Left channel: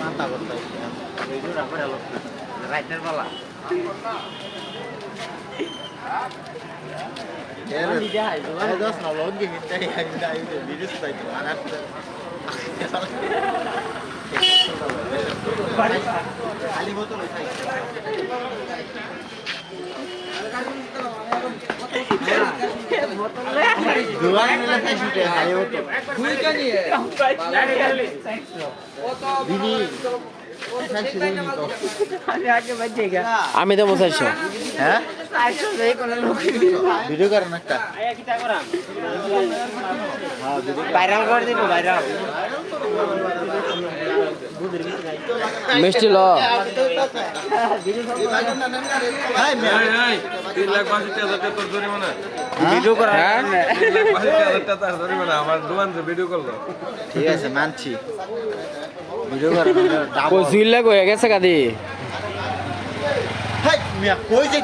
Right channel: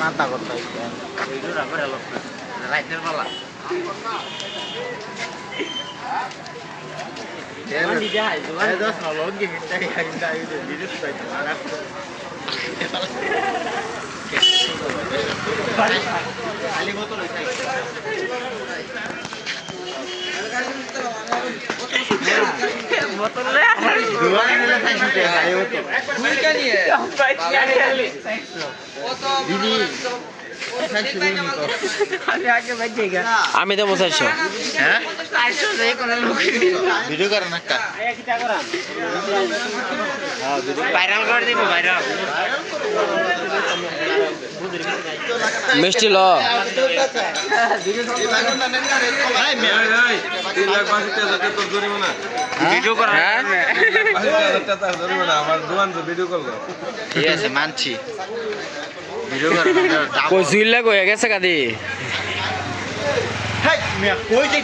মাথা করতে রাইতের বেলা আমি দেবো 400। হ্যাঁ ভিডিও করেন একটা ভাইরাল করে দিব ভাইরাল মিষ্টি ল ভিডিও করা হ্যাঁ ঠিক আছে মানছি ভিডিও করেন কই জুইলা কই গেছে কাদি কই যে